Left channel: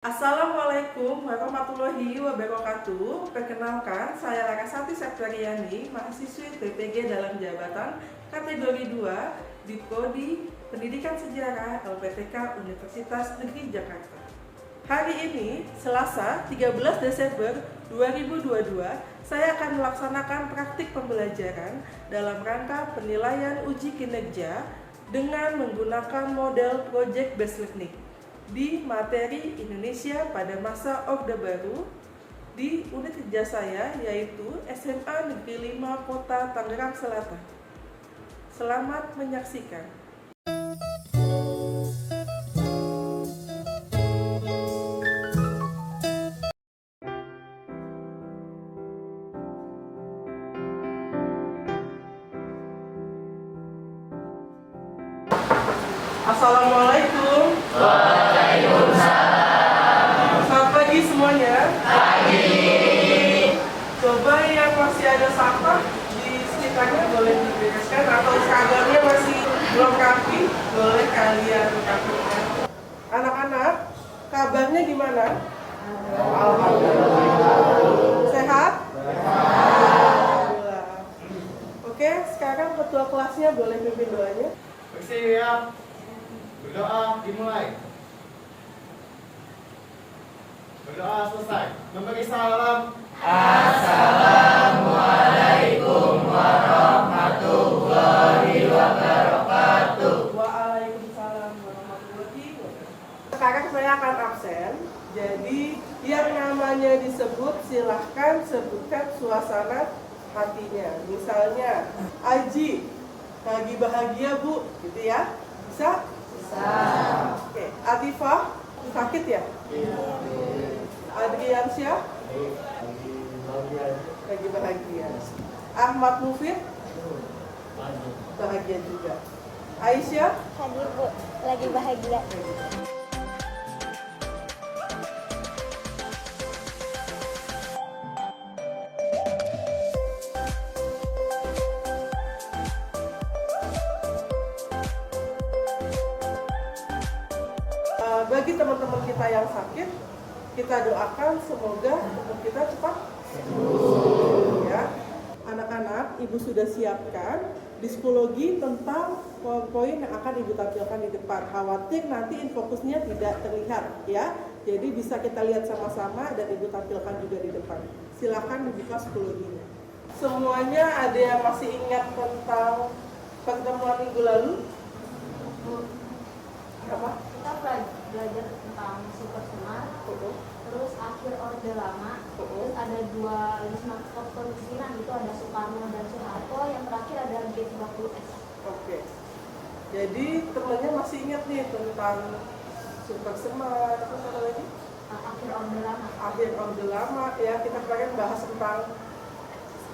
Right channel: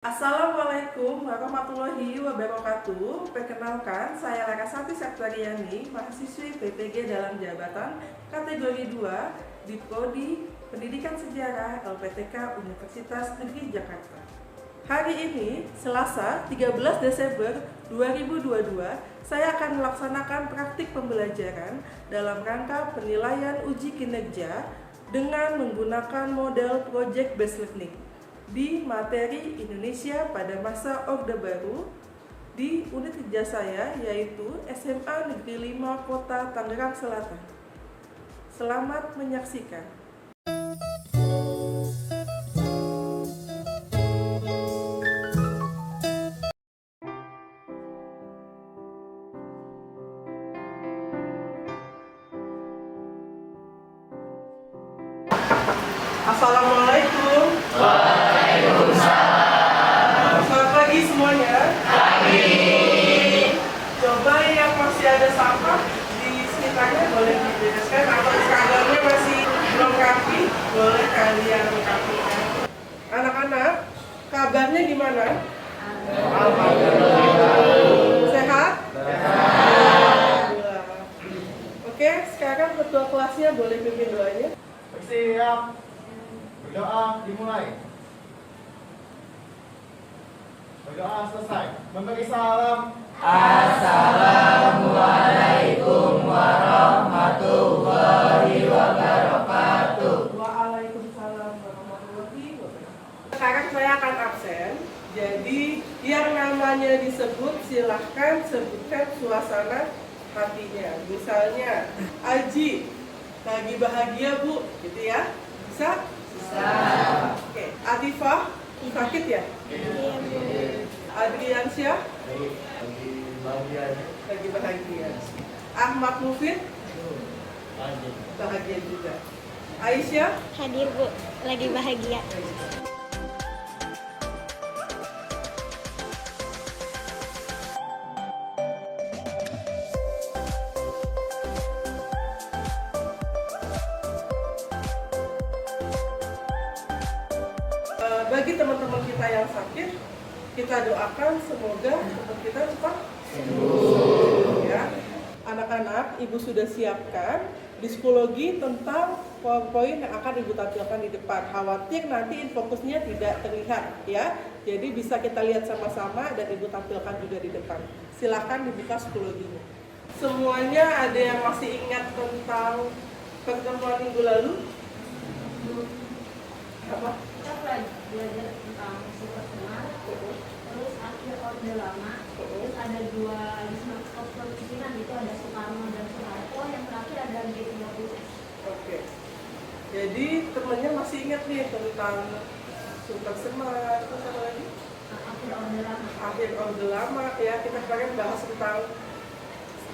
Assalamualaikum warahmatullahi wabarakatuh. Perkenalkan, saya Larasati Septriani, mahasiswi PPG dalam jabatan kategori 2 di Prodi Pendidikan Sejarah LPTK Universitas Negeri Jakarta. Hari ini, Selasa 13 Desember 2022, saya akan melaksanakan praktik pembelajaran dalam rangka penilaian uji kinerja dengan menggunakan model Project Based Learning di materi Indonesia pada masa Orde Baru di unit kerja saya, yaitu SMA Negeri 5 Kota Tangerang Selatan. Selamat menyaksikan. Assalamualaikum. Selamat pagi semuanya. Coba yang masih ada sampah di sekitarnya boleh dibereskan, atau seragamnya masih belum rapi, boleh kalian rapikan. Anak-anak, kabarnya gimana? Sehat? Alhamdulillah. Oke, sekarang ketua kelasnya boleh pimpin doanya. Bersiap, berdoa dimulai. Berdoa selesai. Memberi salam. Assalamualaikum warahmatullahi wabarakatuh. Waalaikumsalam warahmatullahi wabarakatuh. Sekarang saya akan absen. Jadi yang namanya disebut silahkan sebutkan suasana hatinya. Misalnya, Aji lagi bahagia Bu, gitu ya? Bisa? Bisa. Oke, Atifah sakit ya? Adriansyah lagi bahagia. Ahmad Mufid bahagia juga. Aisyah Hadir Bu, lagi bahagia. Bagi teman-teman kita yang sakit, kita doakan semoga tubuh kita cepat sembuh. Ya, anak-anak, Ibu sudah siapkan psikologi tentang poin-poin yang akan Ibu tampilkan di depan. Khawatir nanti infokusnya tidak terlihat, ya. Jadi bisa kita lihat sama-sama dan Ibu tampilkan juga di depan. Silakan dibuka psikologinya. Semuanya ada yang masih ingat tentang pertemuan minggu lalu? Apa? Kita belajar tentang sifat semar, terus akhir orde lama, terus ada dualisme kepemimpinan, itu ada Soekarno dan Soeharto, yang terakhir ada G30S. Oke. Jadi temennya masih ingat nih tentang sifat semar, terus apa lagi? Akhir orde lama. Akhir orde lama, ya. Kita kemarin bahas tentang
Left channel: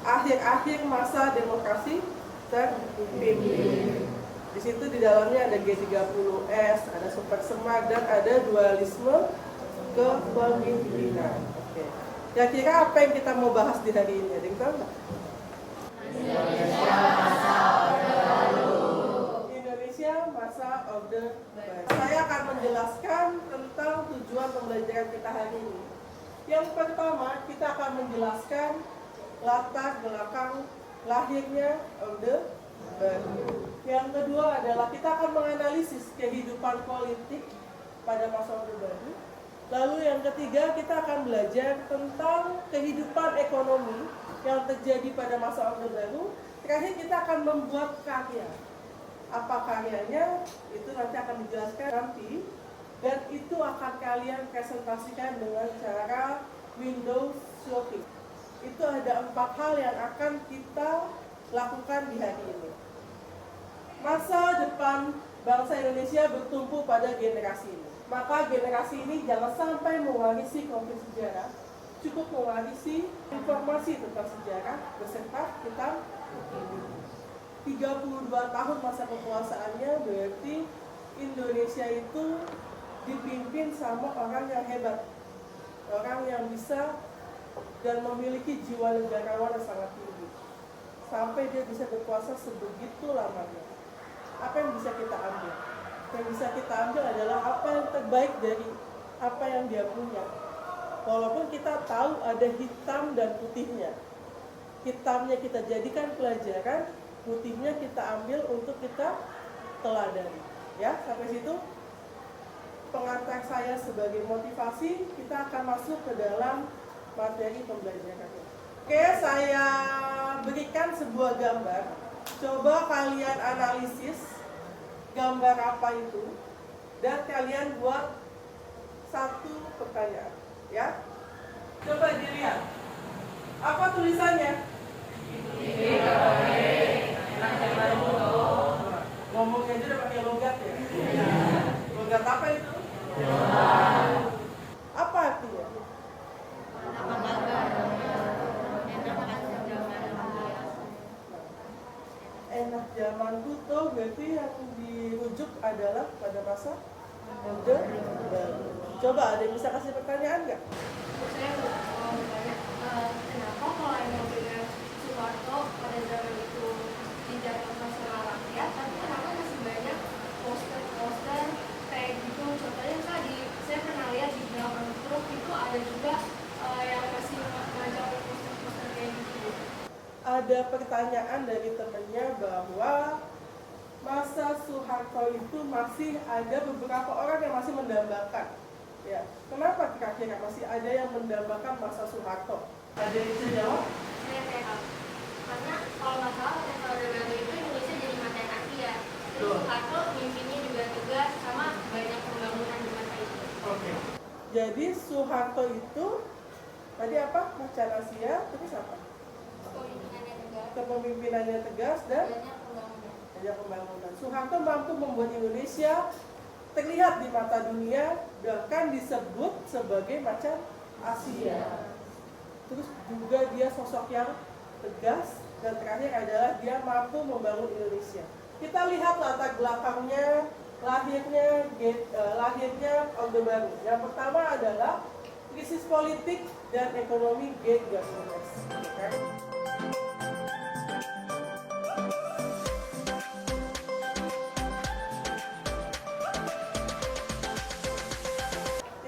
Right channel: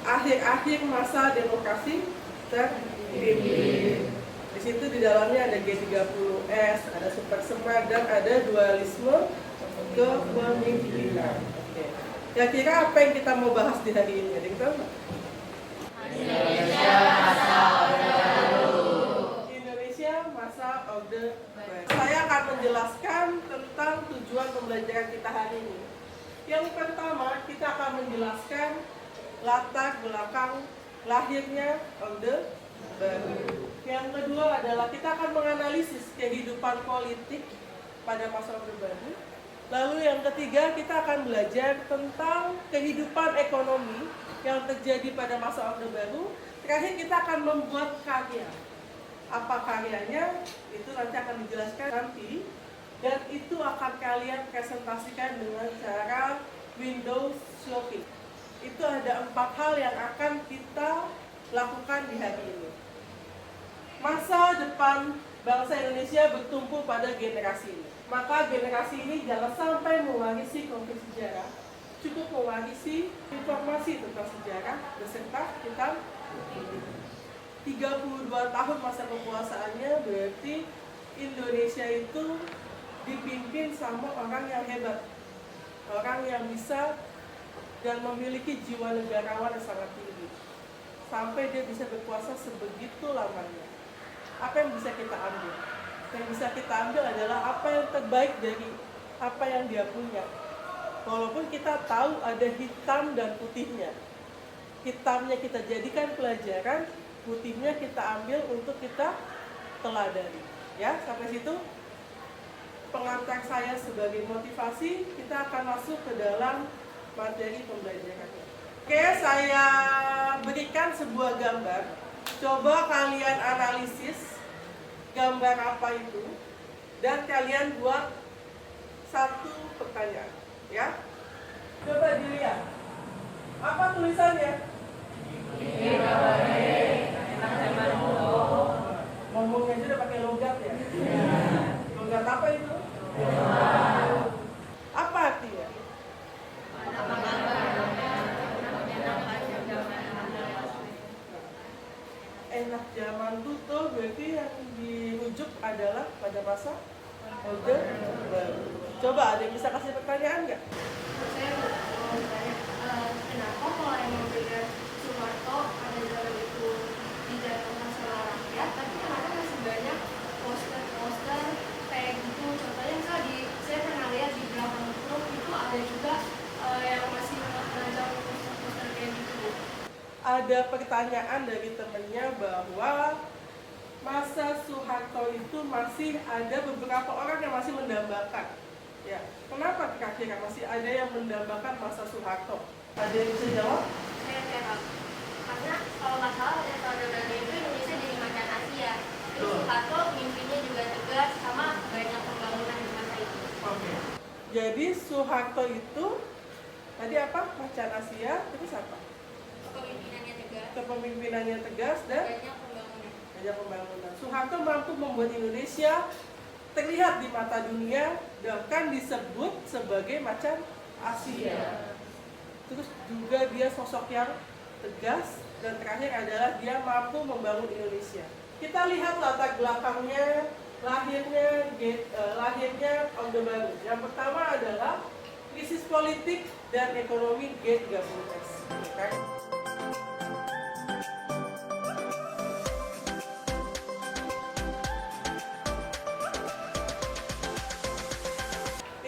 akhir-akhir masa demokrasi terpimpin. Di situ di dalamnya ada G30S, ada super semar, dan ada dualisme kepemimpinan. Oke. Kira-kira apa yang kita mau bahas di hari ini? Ada yang tahu nggak? Indonesia masa Orde Baru. Saya akan menjelaskan tentang tujuan pembelajaran kita hari ini. Yang pertama, kita akan menjelaskan latar belakang lahirnya Orde Baru. Yang kedua adalah kita akan menganalisis kehidupan politik pada masa Orde Baru. Lalu yang ketiga, kita akan belajar tentang kehidupan ekonomi yang terjadi pada masa Orde Baru. Terakhir kita akan membuat karya. Apa karyanya? Itu nanti akan dijelaskan nanti. Dan itu akan kalian presentasikan dengan cara Windows shopping. Itu ada 4 hal yang akan kita lakukan di hari ini. Masa depan bangsa Indonesia bertumpu pada generasi ini. Maka generasi ini jangan sampai mewarisi konflik sejarah, cukup mewarisi informasi tentang sejarah beserta kita 32 tahun masa kekuasaannya, berarti Indonesia itu dipimpin sama orang yang hebat, orang yang bisa dan memiliki jiwa negarawan yang sangat tinggi, sampai dia bisa berkuasa sebegitu lamanya. Apa yang bisa kita ambil? Yang bisa kita ambil adalah apa yang terbaik dari apa yang dia punya. Walaupun kita tahu ada hitam dan putihnya. Hitamnya kita jadikan pelajaran, putihnya kita ambil untuk kita teladani. Ya, sampai situ pengantar saya sebagai motivasi, kita akan masuk ke dalam materi pembelajarannya. Oke, saya berikan sebuah gambar. Coba kalian analisis gambar apa itu dan kalian buat satu pertanyaan, ya. Coba dilihat. Apa tulisannya? Ngomongnya aja udah pakai logat ya. Logat apa itu? Apa artinya? Enak zaman tuh berarti yang dirujuk adalah pada masa Orde Baru. Coba ada yang bisa kasih pertanyaan nggak? Saya mau bertanya, kenapa kalau emang benar Soeharto pada zaman itu dijatuhkan sama rakyat, tapi kenapa masih banyak poster-poster kayak gitu? Contohnya misalnya saya pernah lihat di Dragon Group itu ada juga yang masih mengajar poster-poster kayak gitu. Ada pertanyaan dari temennya bahwa masa Soeharto itu masih ada beberapa orang yang masih mendambakan. Ya, kenapa kira-kira masih ada yang mendambakan masa Soeharto? Ada yang bisa jawab? Saya tahu. Karena kalau nggak salah pada Orde Baru itu Indonesia jadi macan Asia. Terus Soeharto mimpinya juga tegas sama banyak pembangunan di masa itu. Oke. Jadi Soeharto itu tadi apa? Macan Asia, terus apa? Kepemimpinannya tegas. Kepemimpinannya tegas dan banyak pembangunan. Soeharto mampu membuat Indonesia terlihat di mata dunia, bahkan disebut sebagai macan Asia. Terus juga dia sosok yang tegas, dan terakhir adalah dia mampu membangun Indonesia. Kita lihat latar belakangnya, lahirnya Orde Baru. Yang pertama adalah krisis politik dan ekonomi G30S.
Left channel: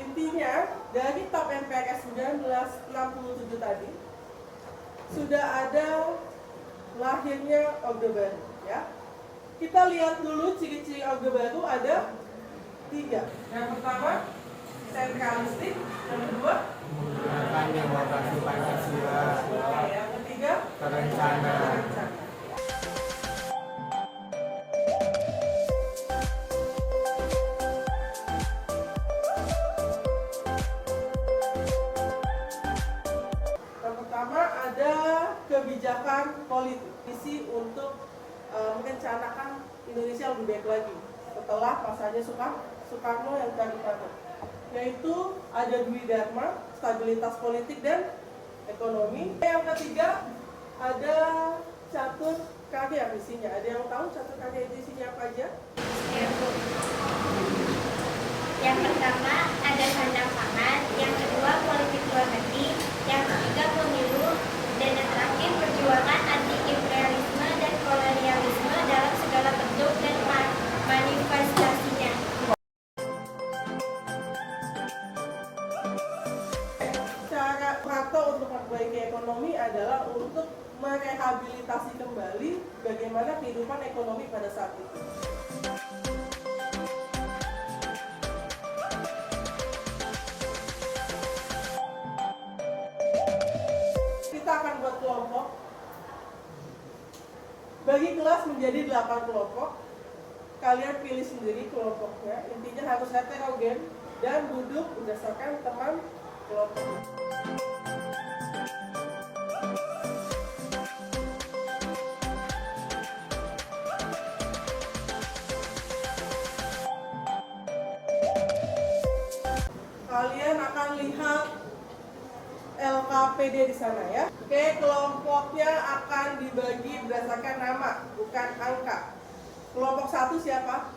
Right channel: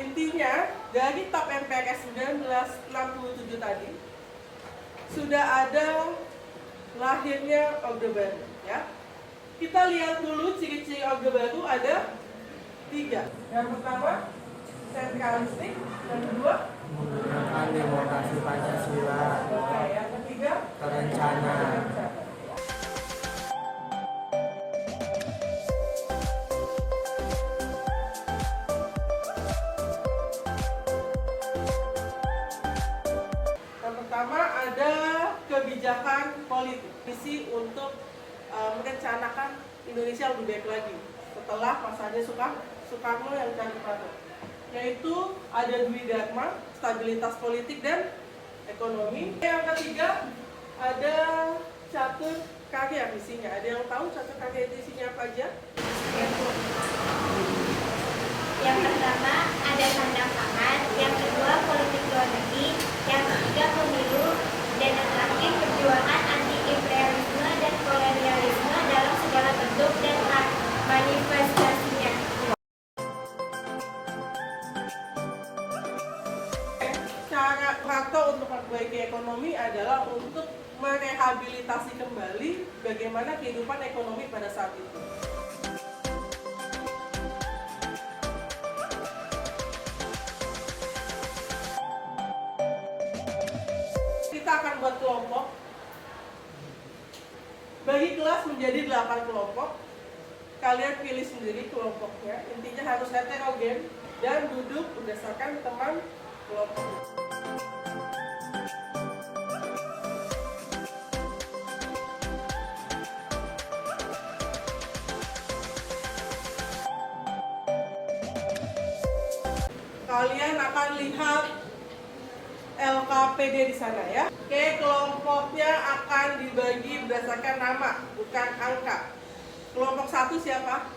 Intinya, dari TAP MPRS 1967 tadi sudah ada lahirnya Orde Baru, ya. Kita lihat dulu ciri-ciri Orde Baru ada 3. Yang pertama, sentralistik. Yang kedua, Menggunakan demokrasi Pancasila. oke. Yang ketiga, Terencana. Yang pertama ada kebijakan politik, visi untuk merencanakan Indonesia lebih baik lagi setelah masanya Soekarno yang tadi dipatok, yaitu ada Dwi Dharma, stabilitas politik dan ekonomi. Yang ketiga ada catur karya visinya. Ada yang tahu catur karya visinya apa aja? Yang pertama ada kandang pangan, yang kedua politik luar negeri, yang ketiga pemilu, dan yang terakhir perjuangan anti imperialisme dan kolonialisme dalam segala bentuk dan manifestasinya. Cara Soeharto untuk memperbaiki ekonomi adalah untuk merehabilitasi kembali bagaimana kehidupan ekonomi pada saat itu. Kita akan buat kelompok. Bagi kelas menjadi 8 kelompok. Kalian pilih sendiri kelompoknya. Intinya harus heterogen dan duduk berdasarkan teman kelompok. Kalian akan lihat LKPD di sana ya. Oke, kelompoknya akan dibagi berdasarkan nama, bukan angka. Kelompok 1 siapa?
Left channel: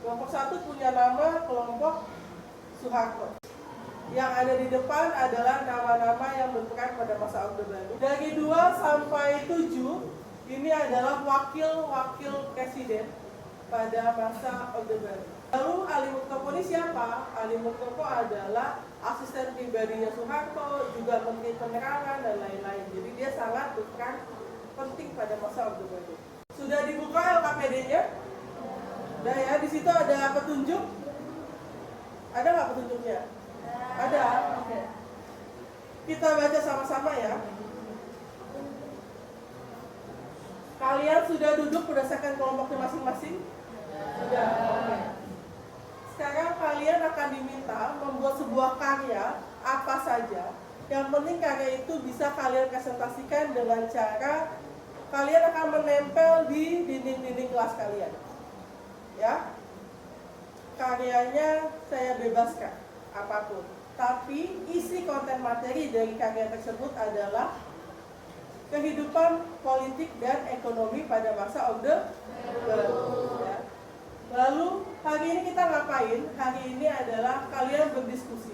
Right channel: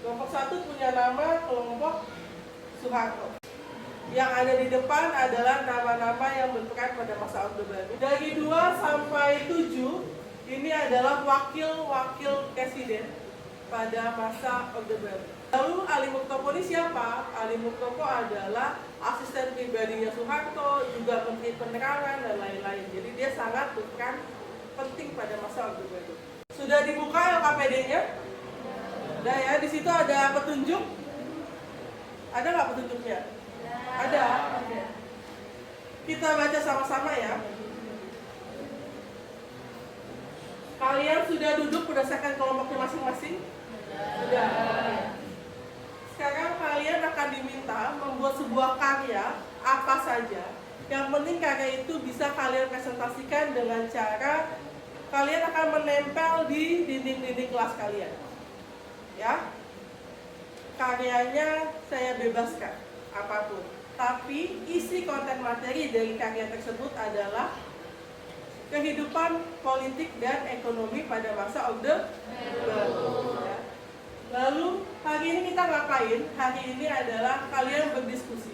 Kelompok 1 punya nama kelompok Soeharto. Yang ada di depan adalah nama-nama yang berperan pada masa Orde Baru. Dari 2 sampai 7, ini adalah wakil-wakil presiden pada masa Orde Baru. Lalu Ali Muktoko ini siapa? Ali Muktoko adalah asisten pribadinya Soeharto, juga Menteri Penerangan dan lain-lain. Jadi dia sangat berperan penting pada masa Orde Baru. Sudah dibuka LKPD-nya? Udah ya, di situ ada petunjuk. Ada nggak petunjuknya? Ada. Oke. Kita baca sama-sama ya. Kalian sudah duduk berdasarkan kelompoknya masing-masing? Sudah. Oke. Sekarang kalian akan diminta membuat sebuah karya apa saja. Yang penting karya itu bisa kalian presentasikan dengan cara kalian akan menempel di dinding-dinding kelas kalian. Ya. Karyanya saya bebaskan apapun. Tapi isi konten materi dari karya tersebut adalah kehidupan politik dan ekonomi pada masa Orde Baru. Ya. Lalu hari ini kita ngapain? Hari ini adalah kalian berdiskusi,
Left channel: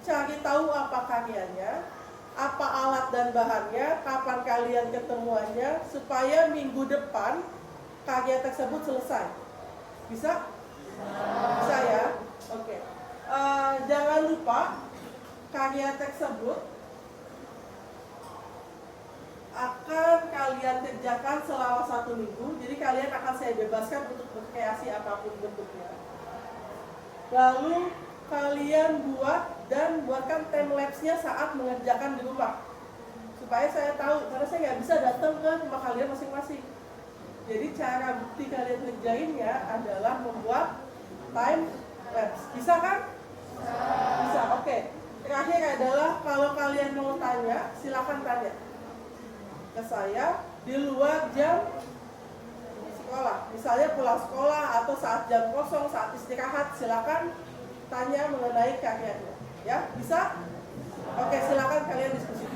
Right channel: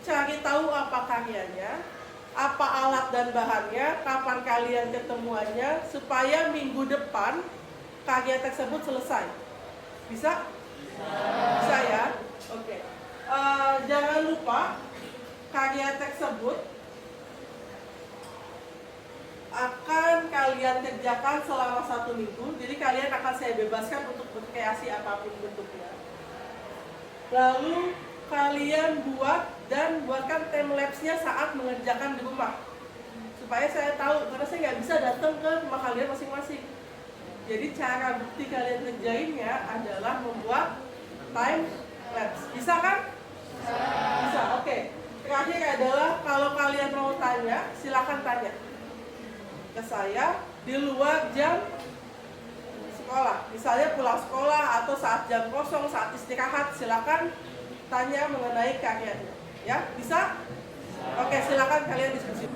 cari tahu apa karyanya, apa alat dan bahannya, kapan kalian ketemuannya, supaya minggu depan karya tersebut selesai. Bisa? Bisa ya? Oke. Jangan lupa karya tersebut akan kalian kerjakan selama 1 minggu. Jadi kalian akan saya bebaskan untuk berkreasi apapun bentuknya. Lalu kalian buatkan timelapse-nya saat mengerjakan di rumah, supaya saya tahu, karena saya nggak bisa datang ke rumah kalian masing-masing. Jadi cara bukti kalian kerjainnya adalah membuat time lapse. Bisa kan? Bisa. Oke. Terakhir adalah kalau kalian mau tanya, silakan tanya ke saya di luar jam sekolah. Misalnya pulang sekolah atau saat jam kosong, saat istirahat, silakan tanya mengenai karyanya. Ya, bisa? Oke, silakan kalian diskusi.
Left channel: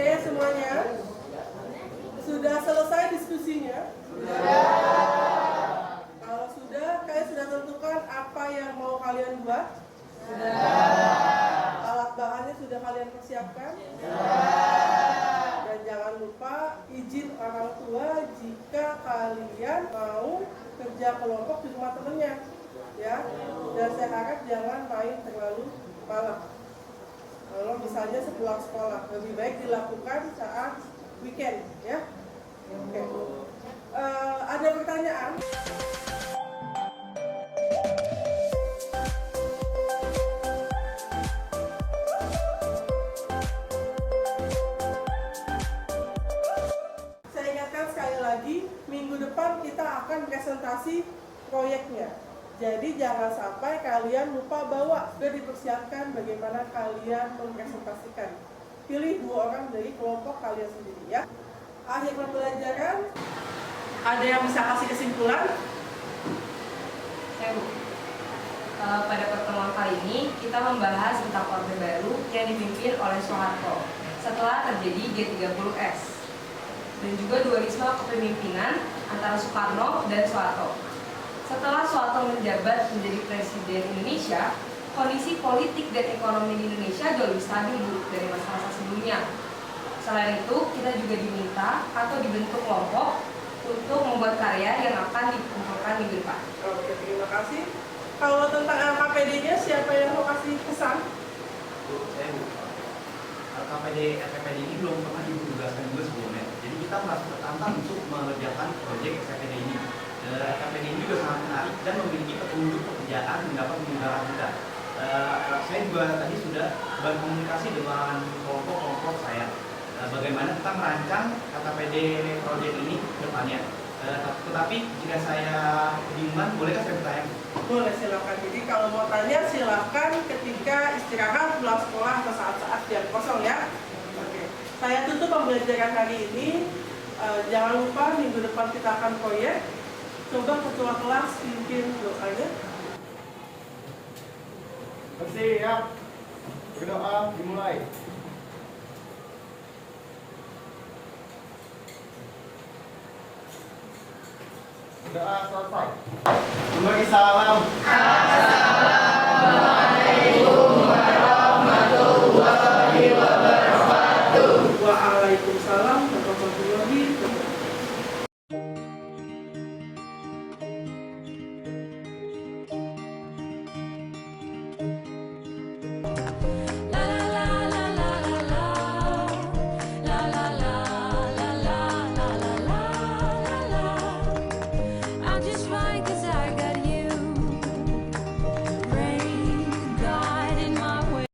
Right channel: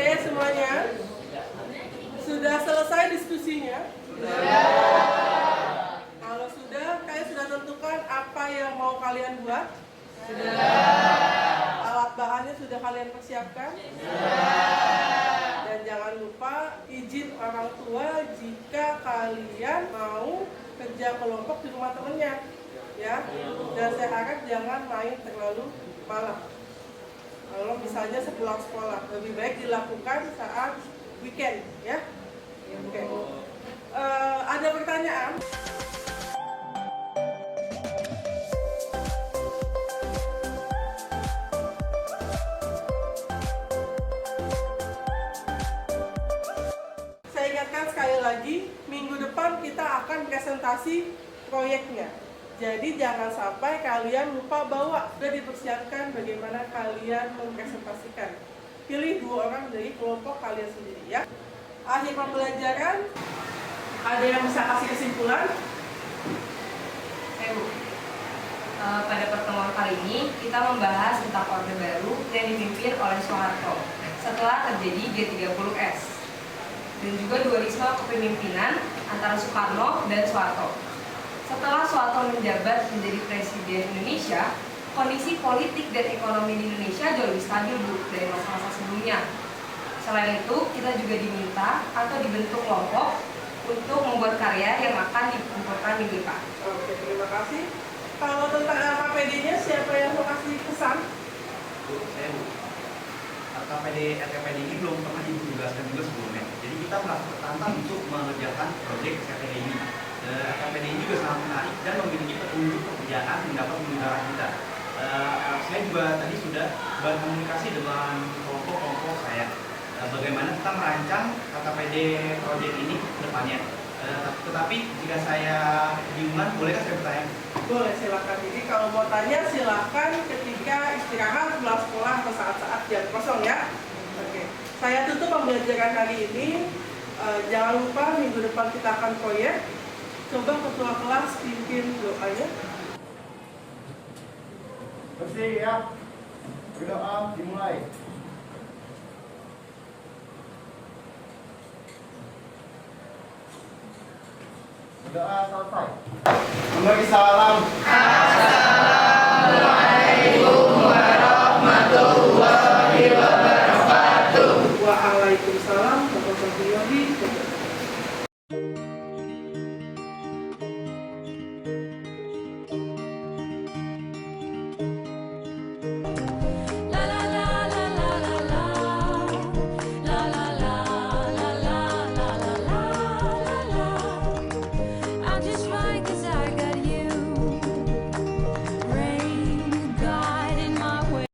Oke semuanya, sudah selesai diskusinya? Kalau sudah, kalian sudah tentukan apa yang mau kalian buat? Sudah. Alat bahannya sudah kalian persiapkan? Dan jangan lupa izin orang tua jika kalian mau kerja kelompok di rumah temennya, ya. Dan saya harap jangan main terlalu malam. Kalau misalnya sepulang sekolah, lebih baik dilakukan saat weekend, ya. Oke. Ada pertanyaan? Saya ingatkan sekali lagi, minggu depan kita akan presentasi proyeknya. Jadi jangan sampai kalian lupa bawa, sudah dipersiapkan bagaimana kalian mempresentasikan. Pilih 2 orang dari kelompok kalian sendiri, ya. Akhir pembelajaran, ada yang bisa kasih kesimpulan? Saya Bu. Pada pertemuan kali ini kita membahas tentang Orde Baru yang dipimpin oleh Soeharto setelah terjadi G30S dan juga dualisme kepemimpinan antara Soekarno dan Soeharto. Setelah Soeharto menjabat menjadi Presiden Indonesia, kondisi politik dan ekonomi di Indonesia jauh lebih stabil Bu dari masa-masa sebelumnya. Selain itu, kita juga diminta atau dibentuk kelompok untuk membuat karya yang akan dikumpulkan minggu depan. Oke, terima kasih. Kalau tentang LKPD-nya, siapa yang mau kasih pesan? Bu, saya Bu. LKPD ini belum pernah Ibu tugaskan juga sebelumnya. Jadi kita merasa tertantang untuk mengerjakan proyek LKPD ini. LKPD ini juga sangat menarik dan memiliki petunjuk pekerjaan yang dapat menggunakan kita. Saya juga tadi sudah berkomunikasi dengan kelompok-kelompok saya. Bagaimana kita merancang LKPD proyek ini ke depannya. Tetapi jika saya kebingungan, bolehkah saya bertanya? Boleh, silakan. Jadi kalau mau tanya silakan ketika istirahat setelah sekolah atau saat-saat jam kosong ya. Oke. Saya tutup pembelajaran hari ini. Jangan lupa minggu depan kita akan proyek. Coba ketua kelas pimpin doanya. Bersiap. Berdoa dimulai. Doa selesai. Memberi salam. Waalaikumsalam warahmatullahi wabarakatuh. I'll just fine 'cause I got you. Rain, God in my way.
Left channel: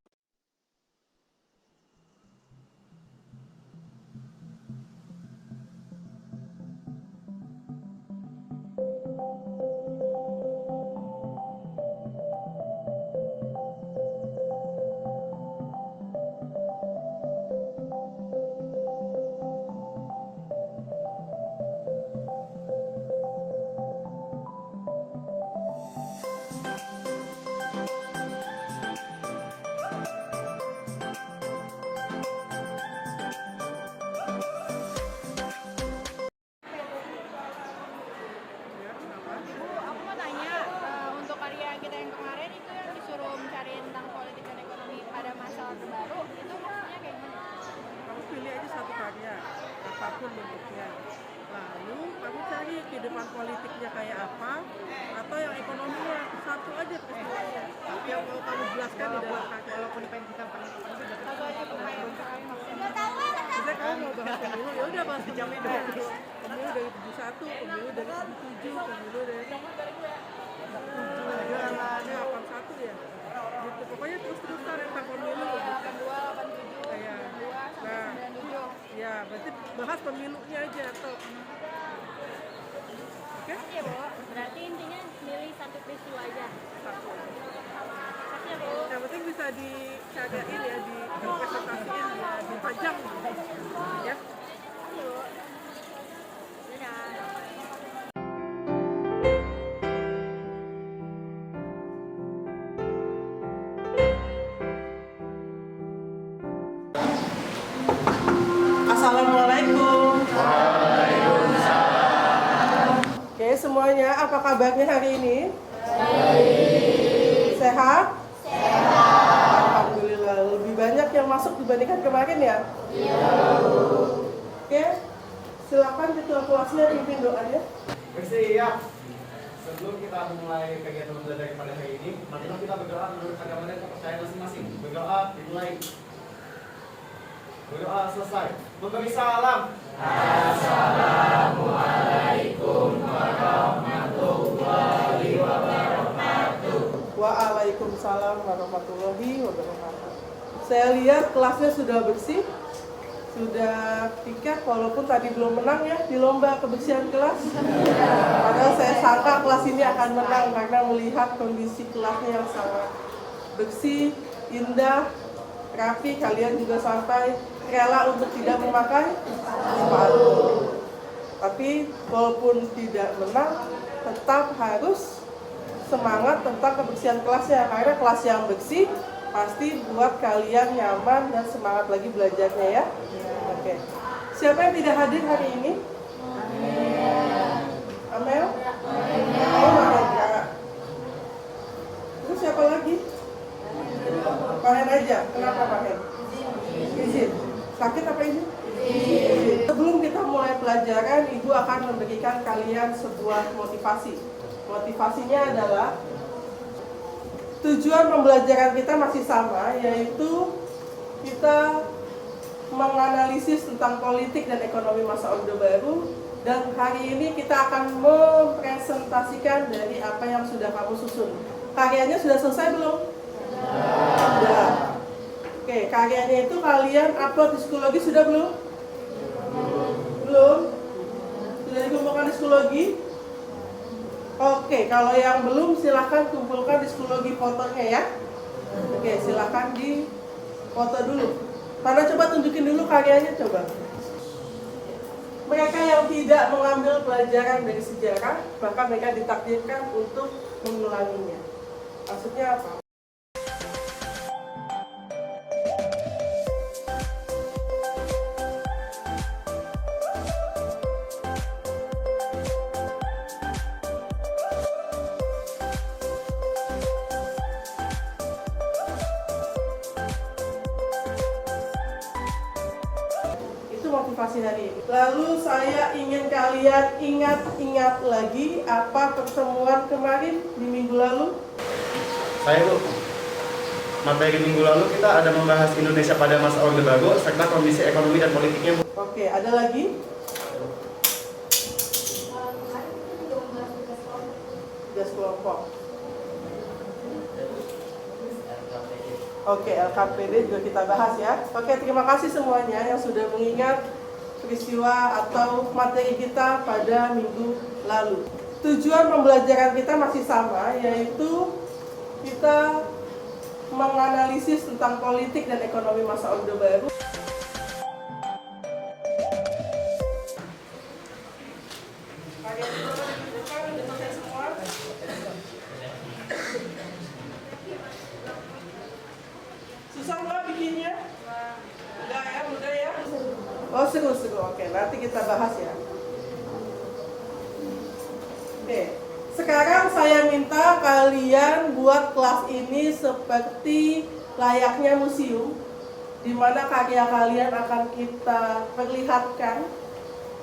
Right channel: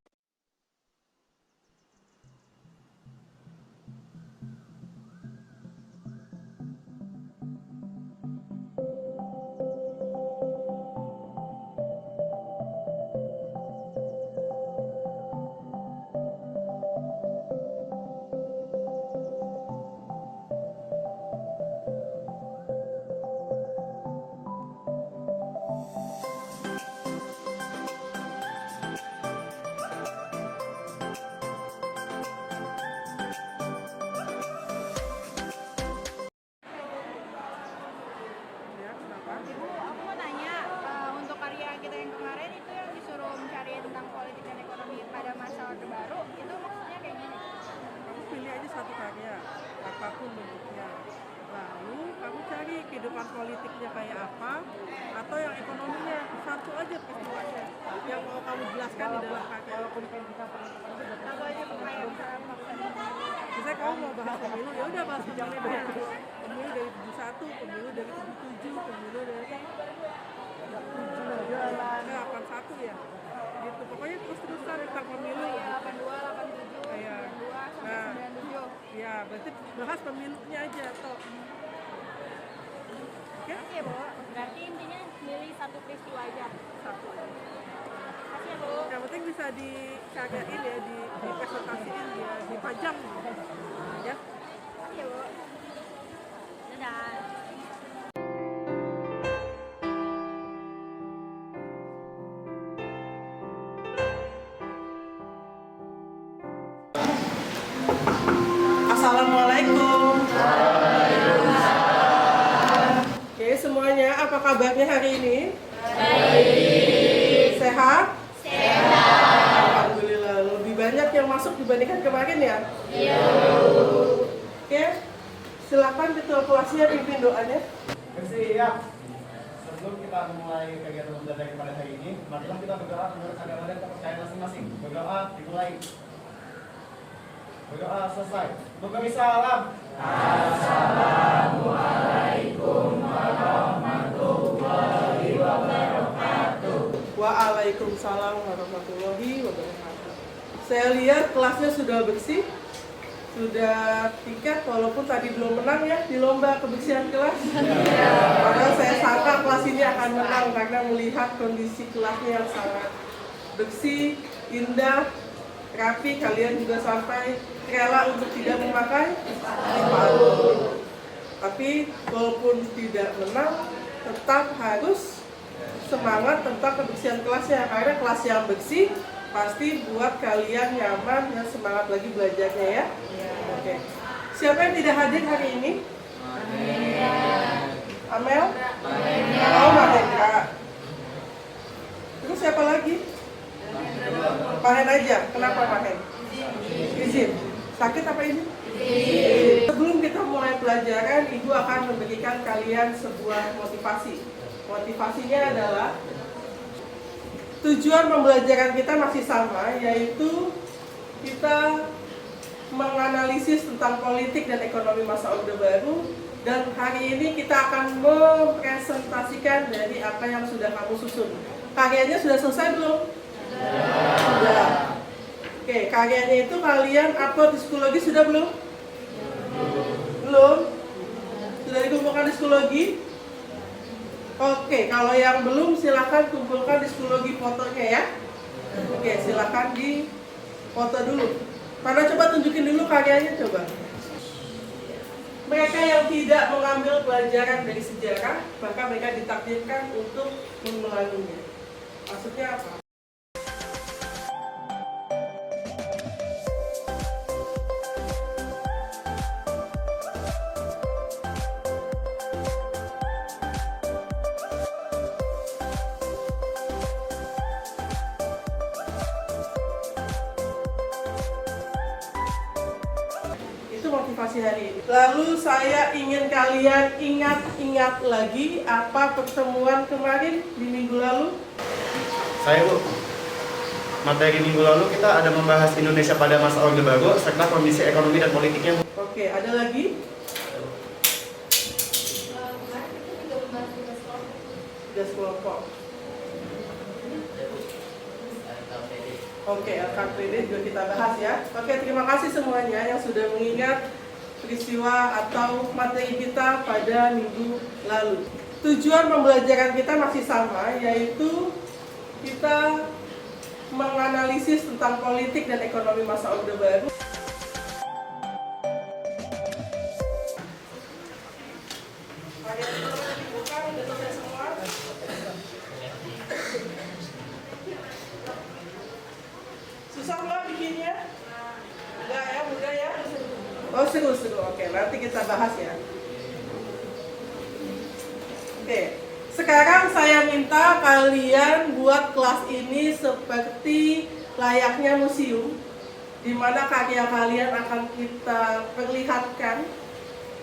Ya, kenapa? Bu, aku mau tanya, untuk karya kita yang kemarin itu yang disuruh mencari tentang politik dan ekonomi pada masa Orde Baru, itu maksudnya kayak gimana? Kamu pilih aja satu karya, apapun bentuknya. Lalu kamu cari kehidupan politiknya kayak apa, atau yang ekonominya, satu aja peristiwanya yang mau kamu jelaskan di dalam karya. Satu aja pemain misalnya maksudnya. Misalnya kamu mau bahas pemilu, ya udah bahas pemilunya. Pemilu dari 71, pemilu dari 77, pemilu dari 81 ya. Gitu. Pokoknya terus-terusan tentang pemilu. Ya, 82, 87, Iya. 92 sampai Nah. 97. Ya, berarti bahas pemilunya aja toh. Oke? Oke, Bu. Berarti intinya milih satu peristiwa aja. Satu aja. Makasih ya, Bu. Yang penting bisa dikagain ya, dipresentasiin ya, dipajang ya. Makasih ya, Bu. Dadah. Assalamualaikum. Oke semuanya, apa kabarnya hari ini? Baik. Sehat? Sehat. Alhamdulillah. Lebih banyak yang masuk dibandingkan kemarin ya? Iya. Oke, silakan ketua kelasnya pimpin doanya. Bersiap. Sebelum kita memulai kegiatan belajar pada hari ini, mari kita berdoa menurut agama dan kepercayaan masing-masing. Berdoa dimulai. Berdoa selesai. Memberi salam. Waalaikumsalam warahmatullahi wabarakatuh. Saya lihat kelasnya sudah bersih, sudah tiket walaupun tadi belum menang ya di lomba kebersihan kelas. Padahal saya sangka kelas ini akan menang karena melihat kondisi kelasnya yang sangat bersih, indah, rapi. Kalian juga sampai rela untuk tidak memakai sepatu. Tapi walaupun tidak menang, tetap harus semangat tentang kebersihan kelasnya, karena kelas yang bersih pasti buat kalian nyaman dan semangat lagi belajarnya ya. Oke. Siapa yang tidak hadir hari ini? Amel? Oh, Mahendra. Terus siapa lagi? Mahen aja. Kenapa Mahen? Izin. Sakit apa ini? Sebelum kita mulai pelajaran, Ibu akan memberikan kalian sebuah motivasi. Motivasinya adalah tujuan pembelajaran kita masih sama, yaitu kita menganalisis tentang politik dan ekonomi masa Orde Baru. Dan hari ini kita akan mempresentasikan dari apa yang sudah kamu susun. Karyanya sudah selesai belum? Sudah. Oke, karyanya itu kalian upload di Psikologi sudah belum? Belum? Sudah dikumpulkan di Psikologi? Oke, kalau yang belum silahkan kumpulkan di Psikologi fotonya ya. Oke, silahkan di foto dulu. Karena coba tunjukin dulu karyanya coba. Mereka yang tidak mengambil pelajaran dari sejarah, maka mereka ditakdirkan untuk mengulanginya. Maksudnya apa? Itu motivasi hari ini. Lalu saya ingin kalian ingat-ingat lagi apa pertemuan kemarin di minggu lalu. Saya Bu, materi minggu lalu kita ada membahas Indonesia pada masa Orde Baru serta kondisi ekonomi dan politiknya Bu. Oke, ada lagi? Tugas kelompok. Oke, LKPD juga kita bahas ya. Oke, terima kasih semuanya yang sudah mengingat peristiwa atau materi kita pada minggu lalu. Tujuan pembelajaran kita masih sama, yaitu kita menganalisis tentang politik dan ekonomi masa Orde Baru. Susah nggak bikinnya? Enggak ya, mudah ya? Oh seru. Oke, nanti kita bahas ya. Oke, sekarang saya minta kalian buat kelas ini seperti layaknya museum, di mana karya kalian akan kita perlihatkan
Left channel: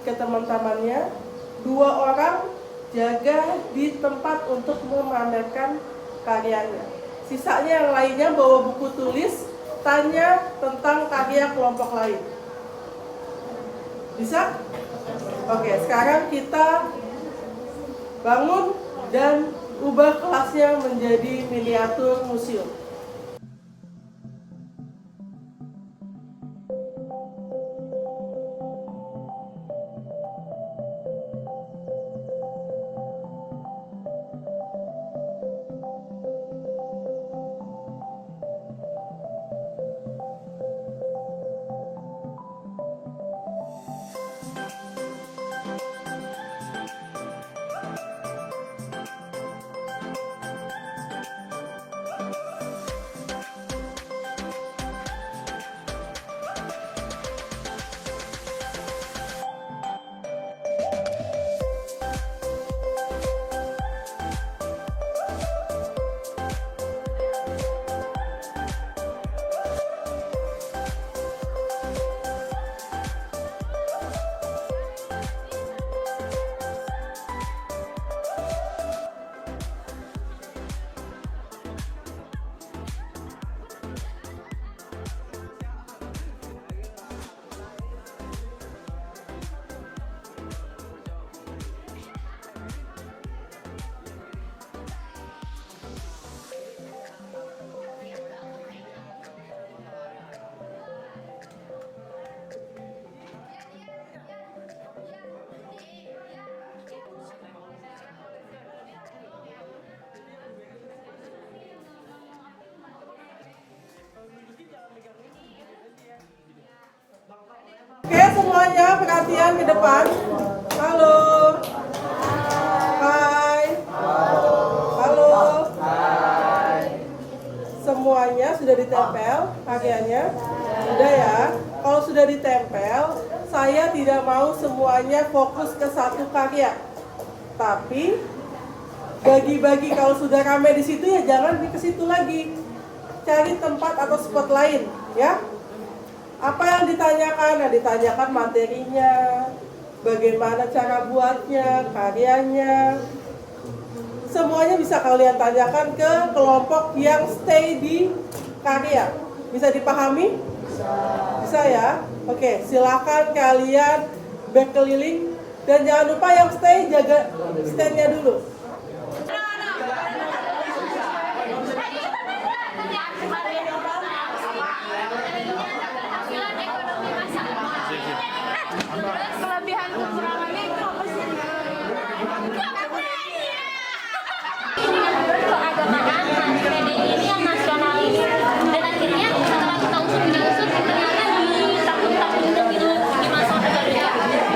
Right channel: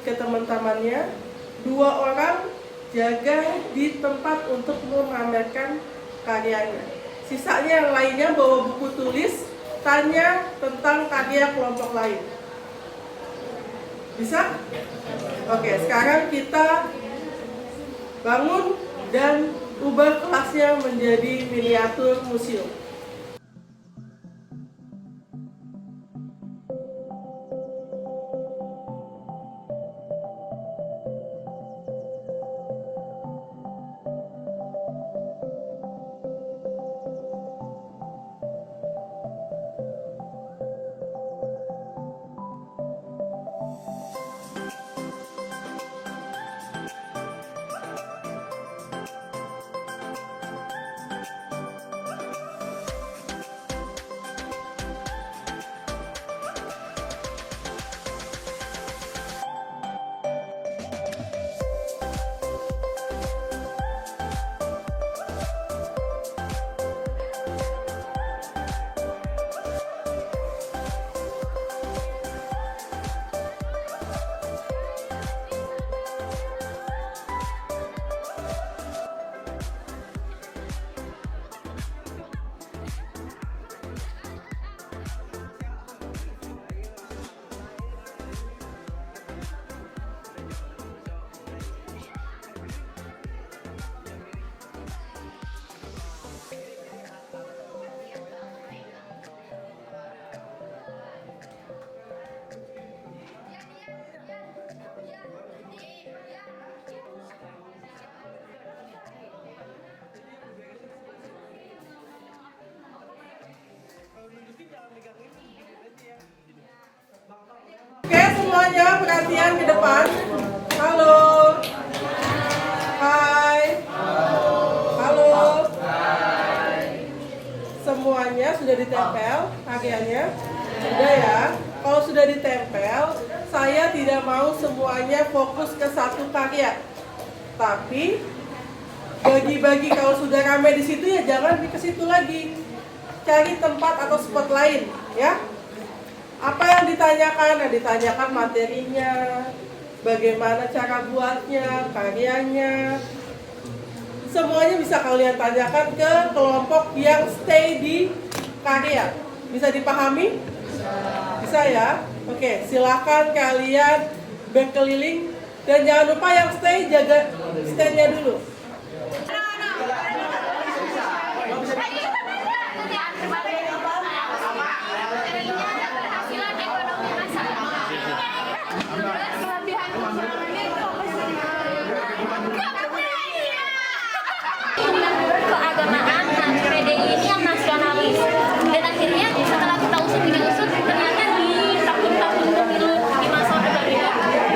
ke teman-temannya. 2 orang jaga di tempat untuk memamerkan karyanya. Sisanya yang lainnya bawa buku tulis, tanya tentang karya kelompok lain. Bisa? Oke, sekarang kita bangun dan ubah kelasnya menjadi miniatur museum. Oke semuanya, perhatian ke depan. Halo. Hai. Halo. Semuanya sudah ditempel karyanya? Sudah ya. Kalau sudah ditempel, saya tidak mau semuanya fokus ke satu karya. Tapi bagi-bagi, kalau sudah ramai di situ ya jangan ke situ lagi. Cari tempat atau spot lain, ya. Apa yang ditanyakan? Nah, ditanyakan materinya, bagaimana cara buatnya, karyanya. Semuanya bisa kalian tanyakan ke kelompok yang stay di karya. Bisa dipahami? Bisa ya? Oke, silakan kalian berkeliling. Dan jangan lupa yang stay, jaga stand-nya dulu. Keagamaan, PDI ini yang nasionalis. Dan akhirnya setelah kita usut ternyata di tahun-tahun pemilu di masa Orde Baru ini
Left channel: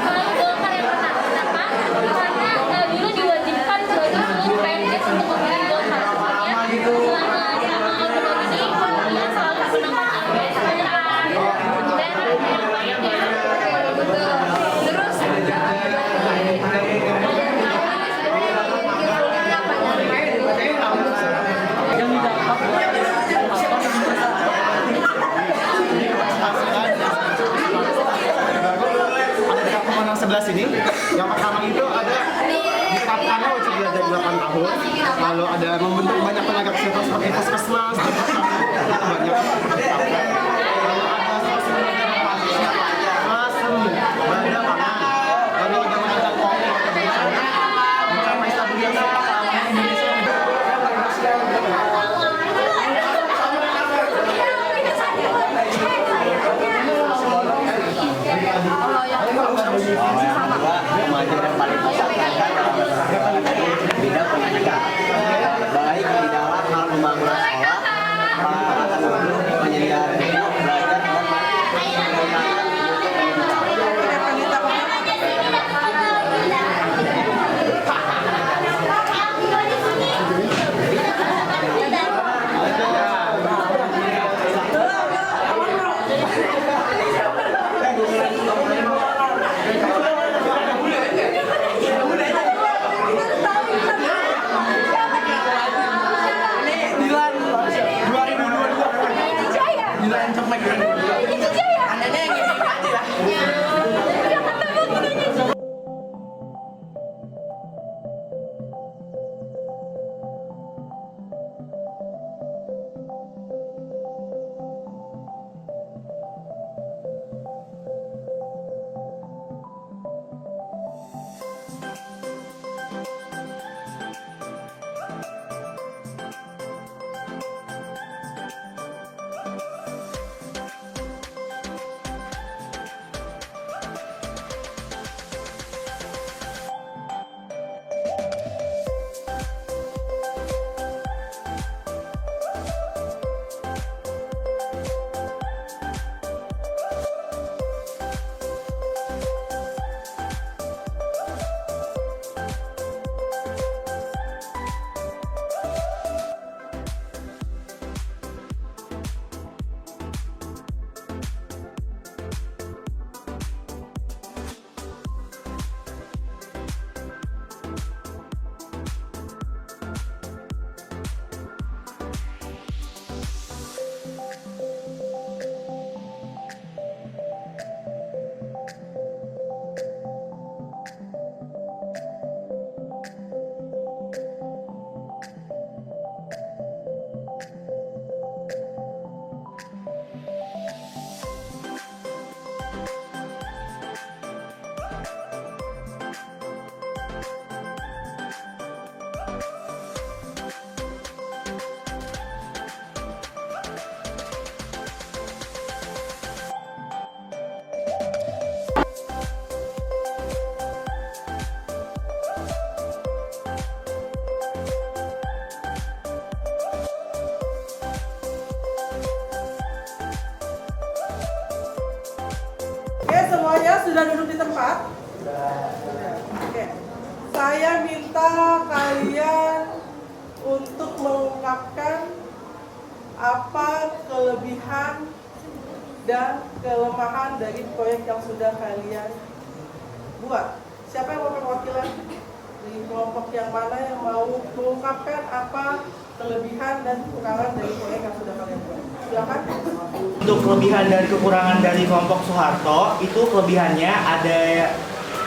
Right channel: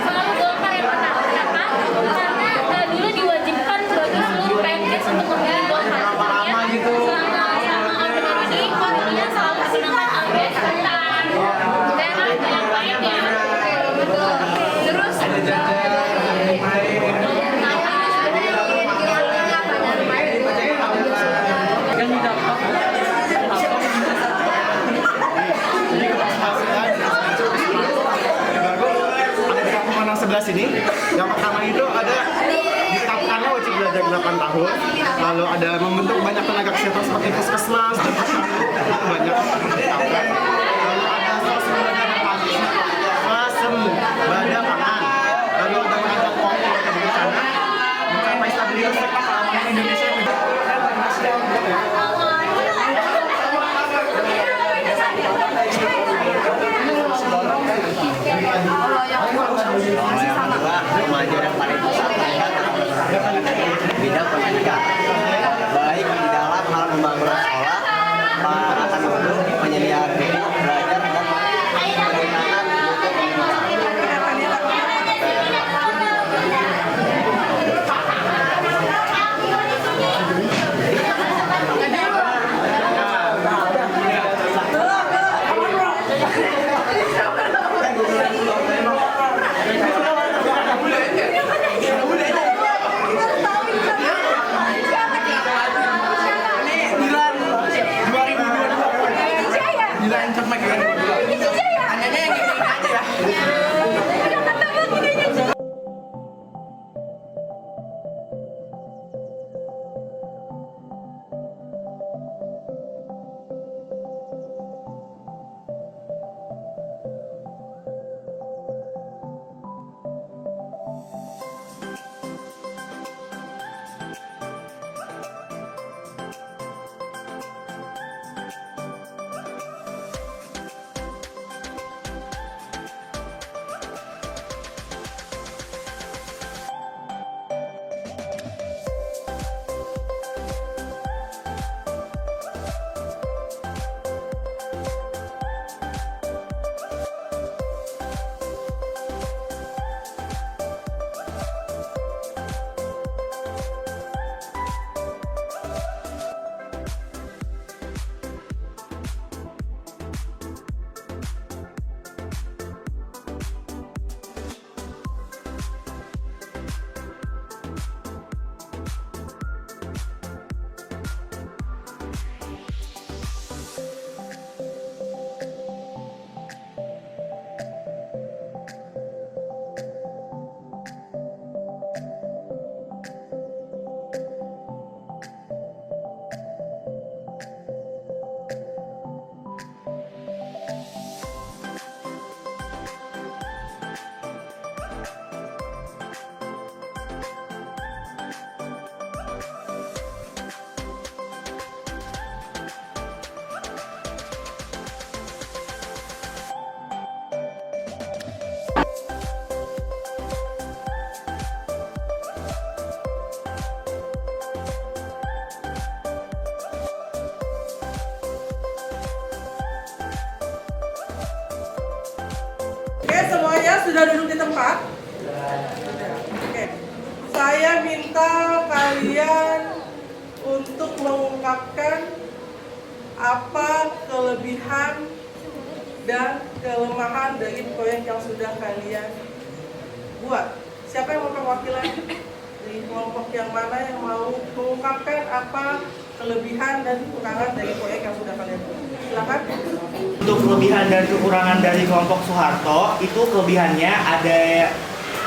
selalu Golkar yang menang. Kenapa? Karena dulu diwajibkan bagi seluruh PNS untuk memilih Golkar. Sebenarnya selama Orde Baru ini pemilihan selalu dimenangkan oleh Golkar. Dan yang lainnya. Betul. Terus yang didapat jadi keberhasilan ada di kampung Manang sebelah sini. Yang pertama itu ada ditetapkannya wajib belajar 8 tahun, lalu ada membentuk banyak tenaga kesehatan seperti puskesmas dan posyandu, itu banyak ditetapkan. Lalu ada swasembada pangan, lalu ada merancang program bencana mencapai stabilitas sektor keamanan Indonesia. Kalau yang kedua, kemajuan yang paling besar bidang pendidikan, baik di dalam hal pembangunan sekolah, akan mendukung penyediaan buku, belajar dan peningkatan mutu pendidikan. Oke, semuanya sudah duduk di tempat? Oke. Saya minta kalian untuk mengungkapkan apa kelebihan dan kelemahan dari proyek yang sudah kalian buat. Siapa yang mau perwakilan? Dari kelompok yang mana yang mau mengungkapkan apa kelebihan dan kekurangan dari proyek yang sudah kalian buat? Silakan. untuk kelebihan dan kekurangan dari kelompok Soeharto, itu kelebihannya ada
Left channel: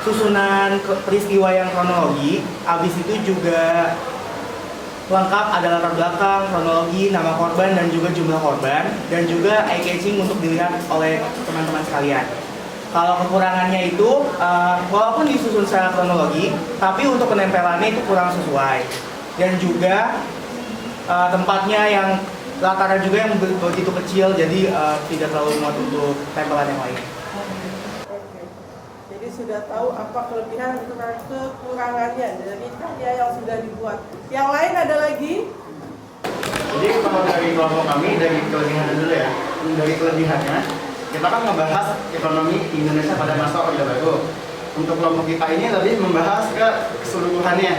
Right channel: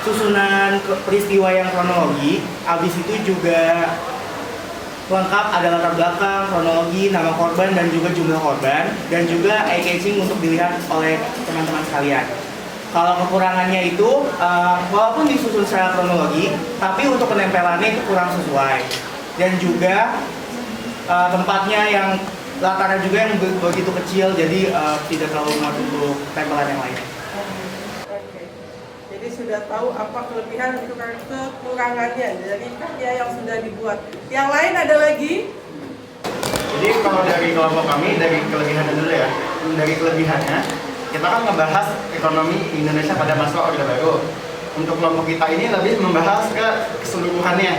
susunan peristiwa yang kronologi, habis itu juga lengkap ada latar belakang, kronologi, nama korban dan juga jumlah korban, dan juga eye catching untuk dilihat oleh teman-teman sekalian. Kalau kekurangannya itu, walaupun disusun secara kronologi, tapi untuk penempelannya itu kurang sesuai. Dan juga tempatnya yang latarnya juga yang begitu kecil, jadi tidak terlalu muat untuk tempelan yang lain. Oke. Jadi sudah tahu apa kelebihan dan kekurangannya dari karya yang sudah dibuat. Yang lain ada lagi? Jadi kalau dari kelompok kami, dari kelebihannya dulu ya. Dari kelebihannya, kita kan ngebahas ekonomi Indonesia pada masa Orde Baru. Untuk kelompok kita ini lebih membahas ke keseluruhannya.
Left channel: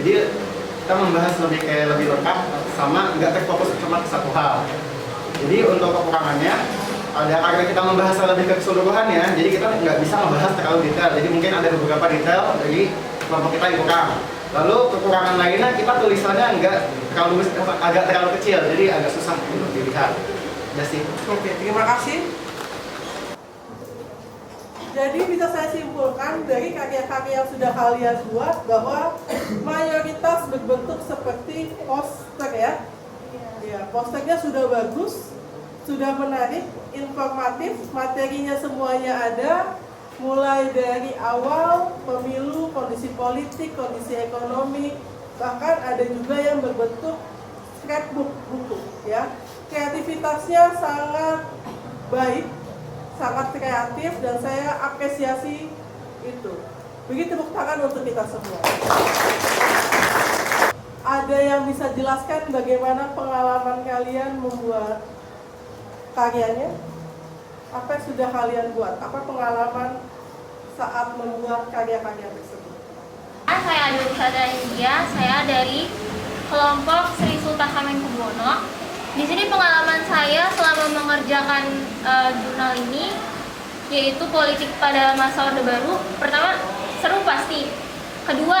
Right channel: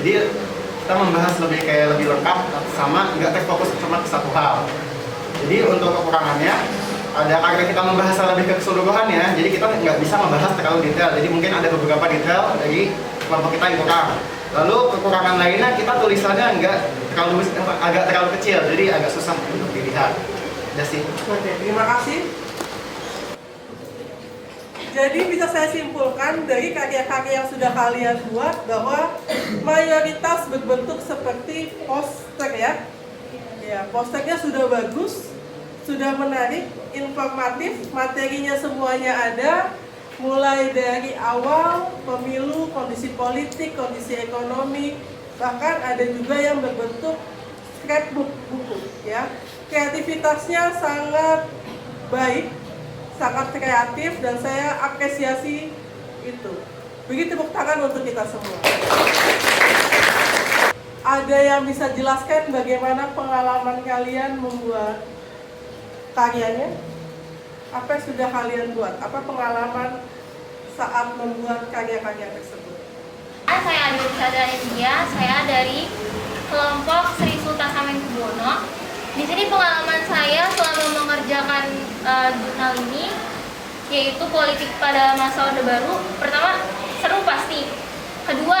Jadi kita membahas lebih lengkap sama nggak terfokus cuma ke satu hal. Jadi untuk kekurangannya, ada karena kita membahas lebih ke keseluruhannya, jadi kita nggak bisa membahas terlalu detail. Jadi mungkin ada beberapa detail dari kelompok kita yang kurang. Lalu kekurangan lainnya kita tulisannya agak terlalu kecil, jadi agak susah untuk dilihat. Udah sih. Oke, terima kasih. Jadi bisa saya simpulkan dari karya-karya yang sudah kalian buat bahwa mayoritas berbentuk seperti poster ya. Ya, posternya sudah bagus, sudah menarik, informatif, materinya semuanya ada, mulai dari awal pemilu, kondisi politik, kondisi ekonomi, bahkan ada juga yang berbentuk scrapbook buku ya. Kreativitasnya sangat baik, sangat kreatif, dan saya apresiasi itu. Beri tepuk tangan untuk kita semua. Ada yang bisa jelaskan bagaimana pengalaman kalian membuat karyanya? Apa yang sudah kalian buat? Apa pengalaman saat membuat karya-karya tersebut? Saya Adolisa India, saya dari kelompok Sri Sultan Hamengkubuwono. Di sini pengalaman saya selama mengerjakan jurnal ini, yaitu politik pada masa Orde Baru. Pertama, seru pasti. Kedua,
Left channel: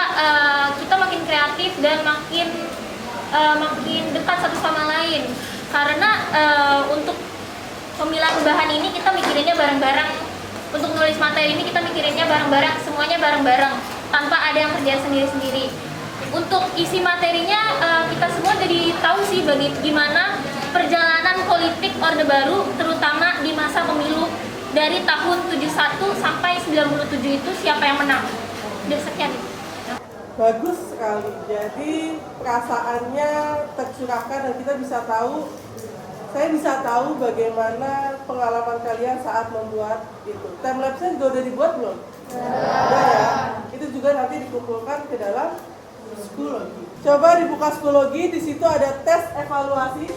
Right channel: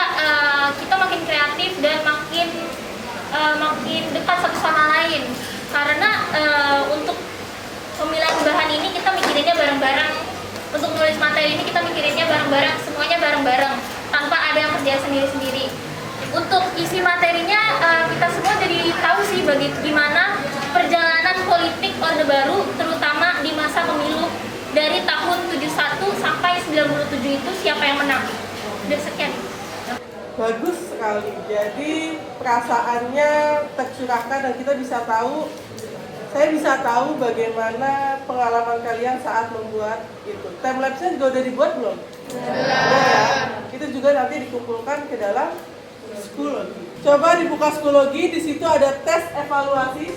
kita makin kreatif dan makin dekat satu sama lain. Karena untuk pemilihan bahan ini kita mikirinnya bareng-bareng. Untuk nulis materi ini kita mikirinnya bareng-bareng, semuanya bareng-bareng, tanpa ada yang kerja sendiri-sendiri. Untuk isi materinya kita semua jadi tahu sih bagaimana perjalanan politik Orde Baru, terutama di masa pemilu dari tahun 71 sampai 97 itu siapa yang menang. Udah sekian. Bagus sekali. Jadi perasaannya tercurahkan dan kita bisa tahu, saya bisa tahu bagaimana pengalaman kalian saat membuat itu. Timelapse-nya juga udah dibuat belum? Udah ya. Itu juga nanti dikumpulkan ke dalam Schoology. Coba dibuka Schoology, di situ ada tes evaluasi.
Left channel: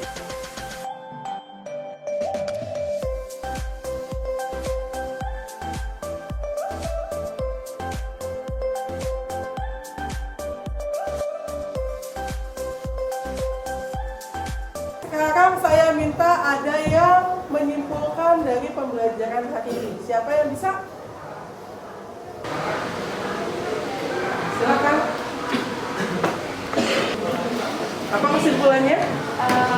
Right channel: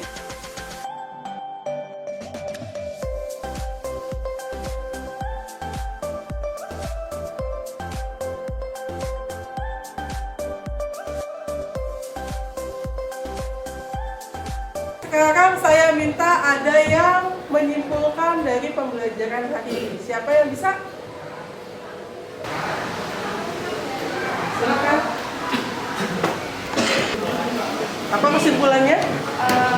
Sekarang saya minta ada yang menyimpulkan dari pembelajaran hari ini. Siapa yang bisa? Silakan. Apa kesimpulannya?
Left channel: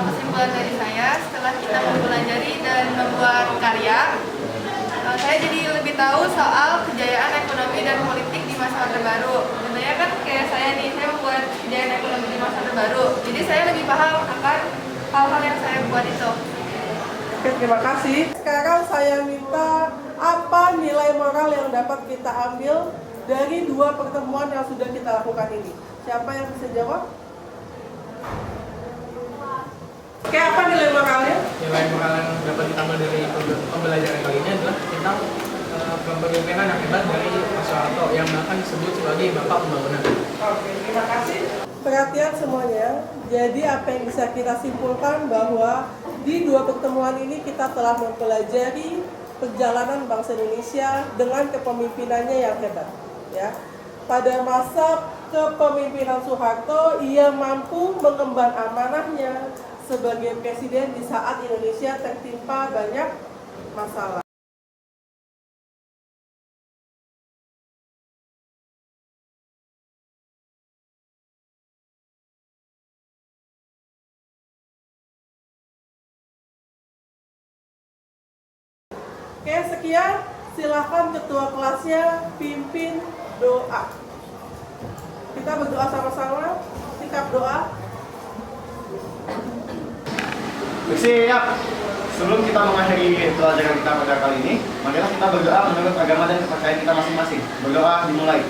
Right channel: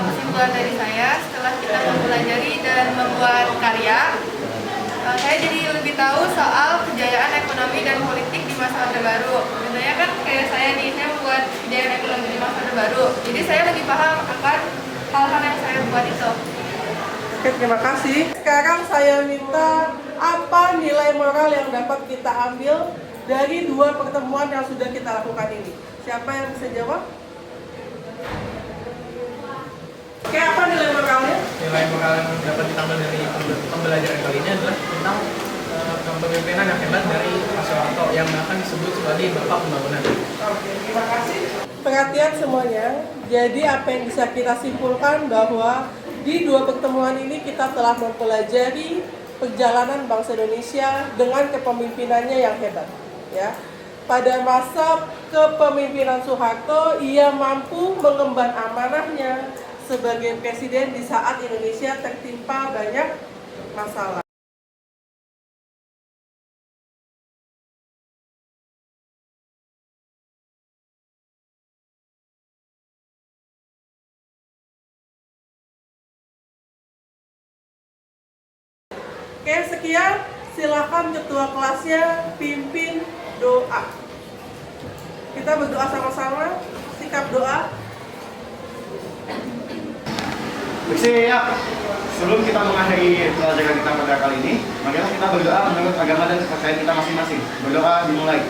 Kesimpulan dari saya, setelah kita mempelajari dan membuat karya, saya jadi lebih tahu soal kejayaan ekonomi dan politik di masa Orde Baru. Contohnya kan kayak saya nih, saya membuat kejayaan ekonomi di masa Orde Baru. Jadi saya lebih paham akan hal-hal yang saya buat itu. Oke, terima kasih. Sekarang saya minta apa nilai moral yang dapat kita ambil dari dua pertemuan yang sudah kita lakukan ini. Siapa yang bisa jawab? Oke, apa nilai moralnya? Nilai moral yang dapat kita ambil dari pembelajaran kali ini adalah tentang kepemimpinan yang hebat dari Pak Soeharto yang bahkan disebut sebagai Bapak Pembangunan. Oke, terima kasih. Perhatian semuanya. Jadi apa yang bisa kita simpulkan bahwa di dua pertemuan ini kita telah mempelajari perjalanan bangsa Indonesia dengan kepemimpinannya yang hebat. Ya, pada masa kepemimpinan Soeharto, ia mampu mengemban amanahnya sebagai presiden di saat Indonesia tertimpa banyak masalah. Oke, sekian. Silakan ketua kelasnya pimpin doa. Kita berdoa sama-sama. Sikap doa. Siap. Sebelum kita mengakhiri pelajaran kita pada kali ini, marilah kita berdoa menurut agama dan kepercayaan kita masing-masing. Berdoa dimulai.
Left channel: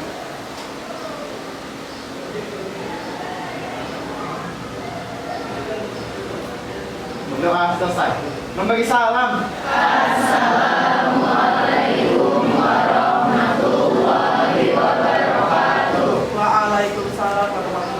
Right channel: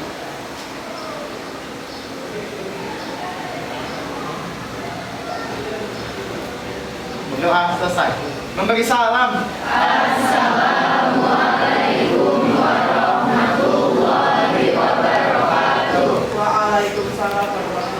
Berdoa selesai. Memberi salam. Assalamualaikum warahmatullahi wabarakatuh. Waalaikumsalam warahmatullahi wabarakatuh.